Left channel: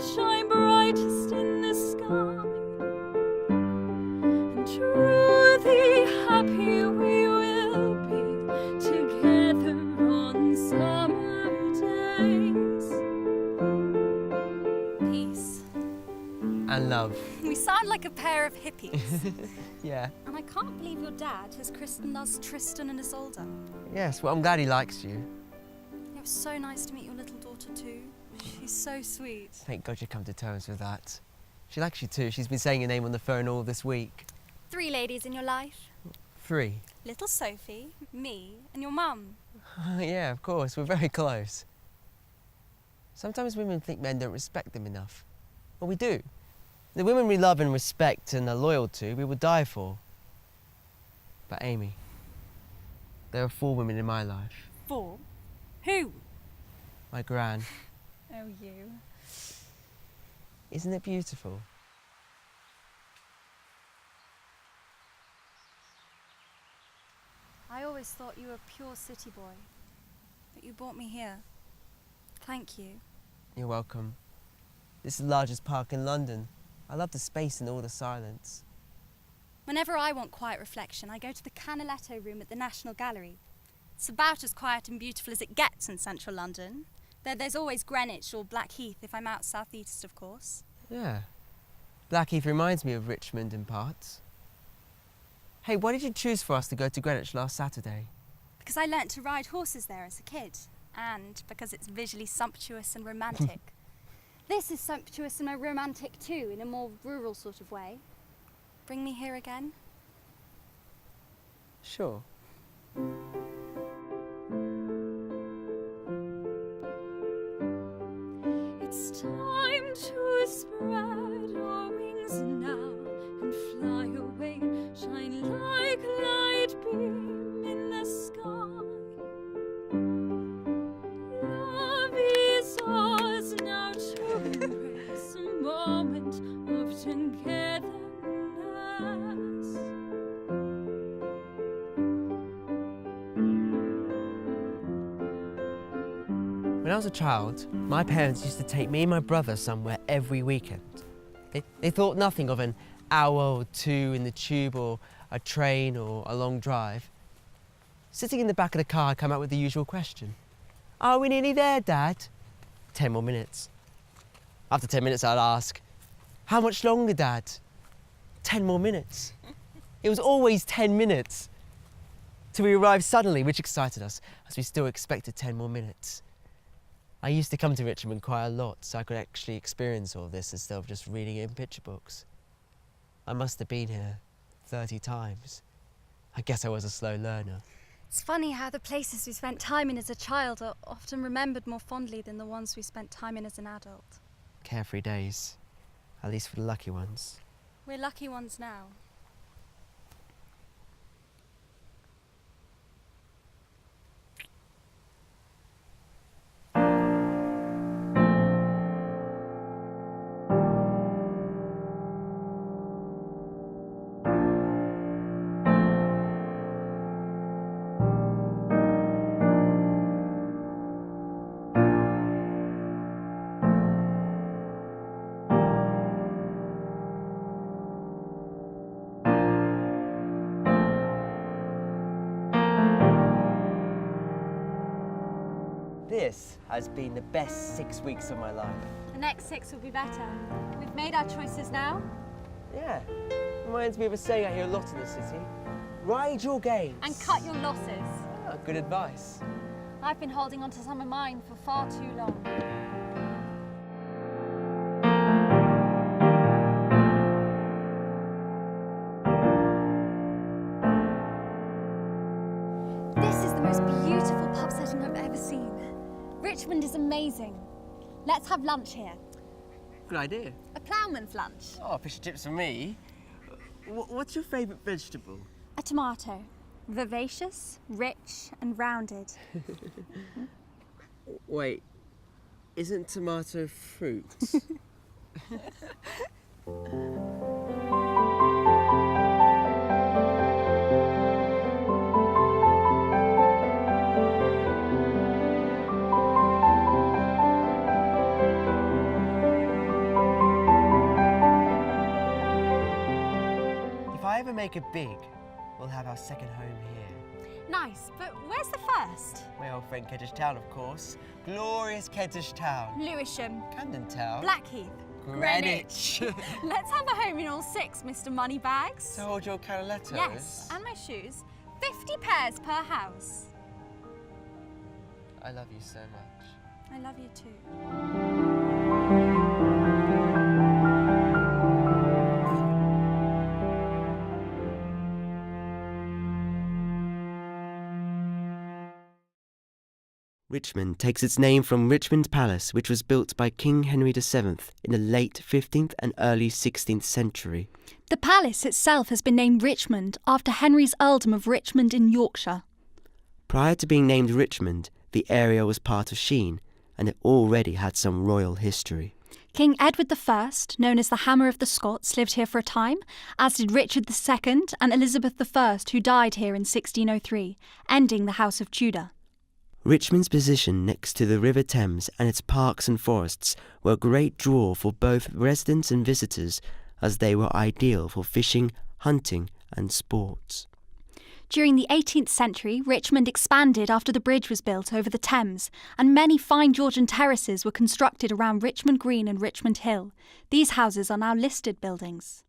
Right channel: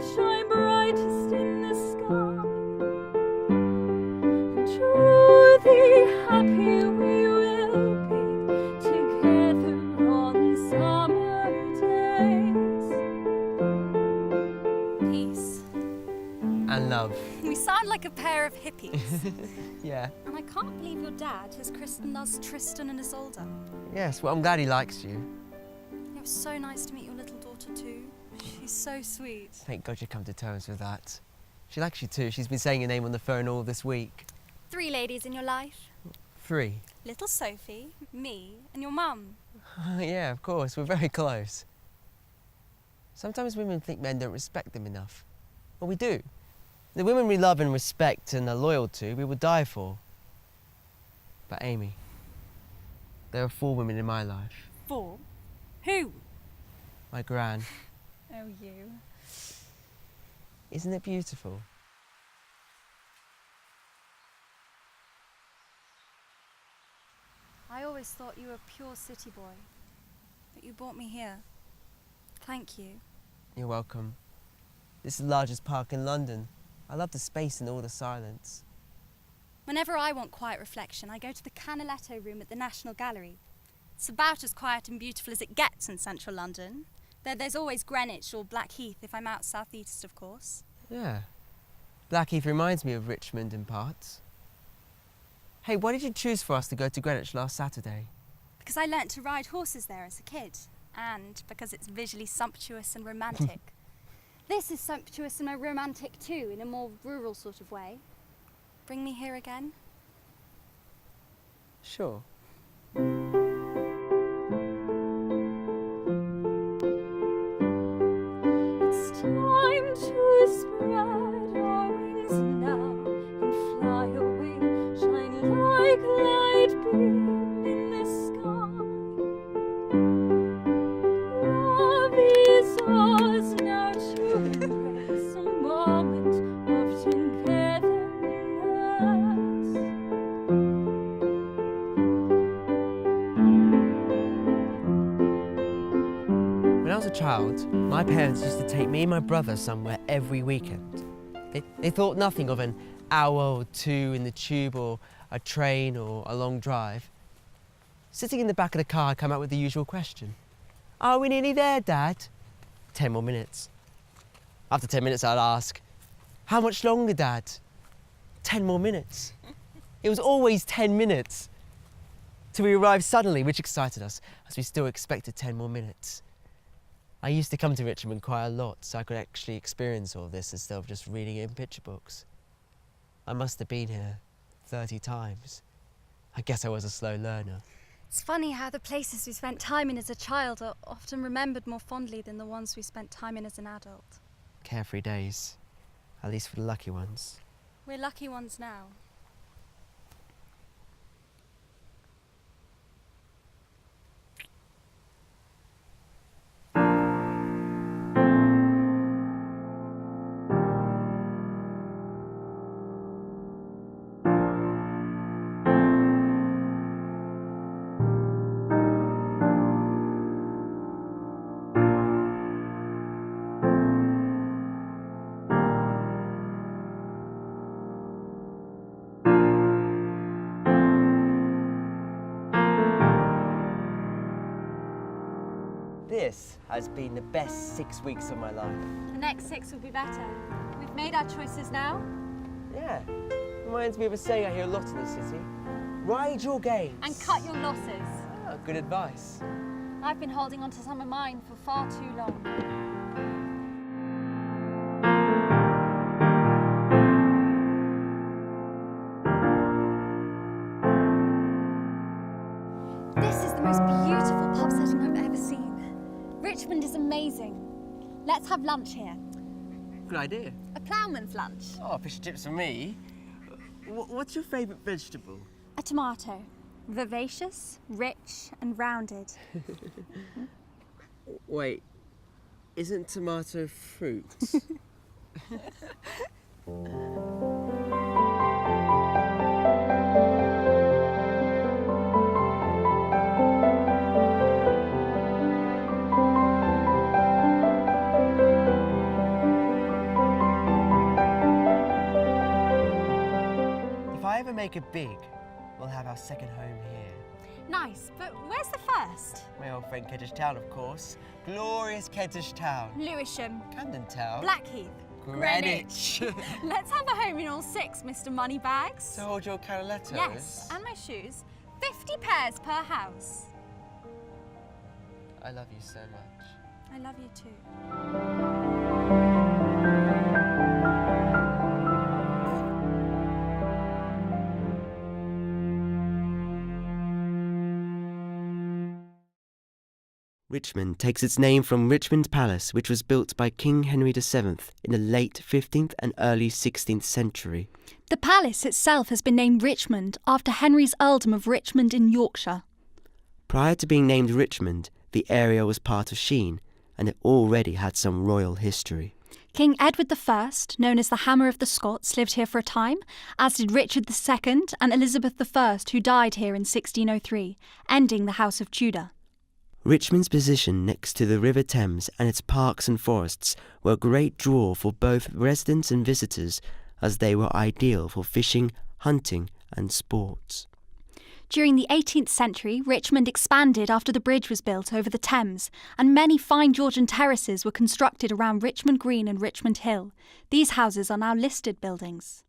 shine brightest in the sky, and truly happy we will be together on summer days. Peace. And love. We sound like a pair of hippies. Yeah. And I can't believe your dad has christened us Tristan and Isolde. Yes, well, I'm glad he likes you. It was so nice to meet your little daughter too. She's so sweet. Thank God you come to terms with that. She likes you too. She's been saying your name on the phone all this week. 3 ladies in your life. 3. Little Sophie, me, and your mum. Yeah, of course. We're very close. Sometimes women think men don't respect them enough. Well, we do. The women we love and respect and are loyal to, we would die for. But Amy, there are 4 women in my life. 4? Who? My gran. Oh, you. Isn't it beautiful? I always thought you were a pure city boy, but you brought me here. Thank you. You're welcome. This is the largest park in London. I love the space and all the silence. Whenever I want quiet reflection, I go to the Canaletto room at the National Gallery. It's about as quiet and beautiful as it gets in central London. There's always Greenwich or Blackheath if I'm out southeast, of course. Yeah. Blackheath reminds me of Richmond in parts. Hey, why did you choose for us to go to Greenwich last Saturday? Because I learnt to ride horses there as a kid, and because it's visually sumptuous and romantic. This is sumptuous and romantic too, in a more rural sort of way. Bring me here again? Sure. It's time to spread our wings now and fly away, shine like light beam in the sky. Love is ours now to embrace a moment of togetherness. When I was a child, my parents used to take me and my brother somewhere every weekend. They thought nothing of an hour or 2 in the tube or a train or a long drive. Sitting in the back of the car, I'd come out with the usual question. Are we nearly there, Dad? 10 more minutes. After 10 minutes, I'd ask, how much longer, Dad? 10 more minutes. It was always 10 minutes. Till we arrived suddenly, which excited us, as we still expected 10 more minutes. I used to come to Richmond quite a lot, so I could actually experience all this instead of just reading it in picture books. I must have been here 30 times. I guess I was a slow learner. It's funny how the places we spent time in as a child are often remembered more fondly than the ones we spent time in as an adult. Carefree days, at least for the lucky ones. We're lucky ones now. This has been the best 6 weeks of my life. The next 6 will be better. We've made our choices now. Yeah, reminds me of a saying I hear a lot in this city. Ride your games. And cut your losses. Ah, good advice. I've been holding on to some of mine for far too long. This is the most beautiful pub setting I've ever seen. Richmond is amazing. Let's have lunch here. Good idea. A ploughman's lunch. Oh, fish and chips for me. What's your favourite vegetable? A tomato. Vivacious, rich and rounded. Wait, isn't tomato fruit? ever make it big, we'll have our second home here. Nice, but where's the first? My old friend Kentish Town, of course. Glorious Kentish Town. Lewisham. Camden Town. Blackheath. Greenwich. Let's have a home in all 6, Mr. Moneybags. To hold your canalettos? Yes, and my shoes. 50 pairs per house. I love you so much. I love you too. Richmond takes its name from Richmond Palace, which was built by King Henry VII in the late 15th and early 16th century. The palace itself has been named Richmond after Henry's earldom of Richmond in Yorkshire. Prior to being named Richmond, the area was part of Sheen, and it already had some royal history. King Edward I, known as the Hammer of the Scots, lived here for a time, as did Richard II and Elizabeth I, who died here in 1603, ending the House of Tudor. Richmond's position next to the River Thames and its parks and forests were a great draw for both residents and visitors, as they were ideal for fishing, hunting and sports. During the 18th century, Richmond expanded after the bridge was built over the Thames, and many fine Georgian terraces were constructed around Richmond Green and Richmond Hill. These houses are now listed buildings.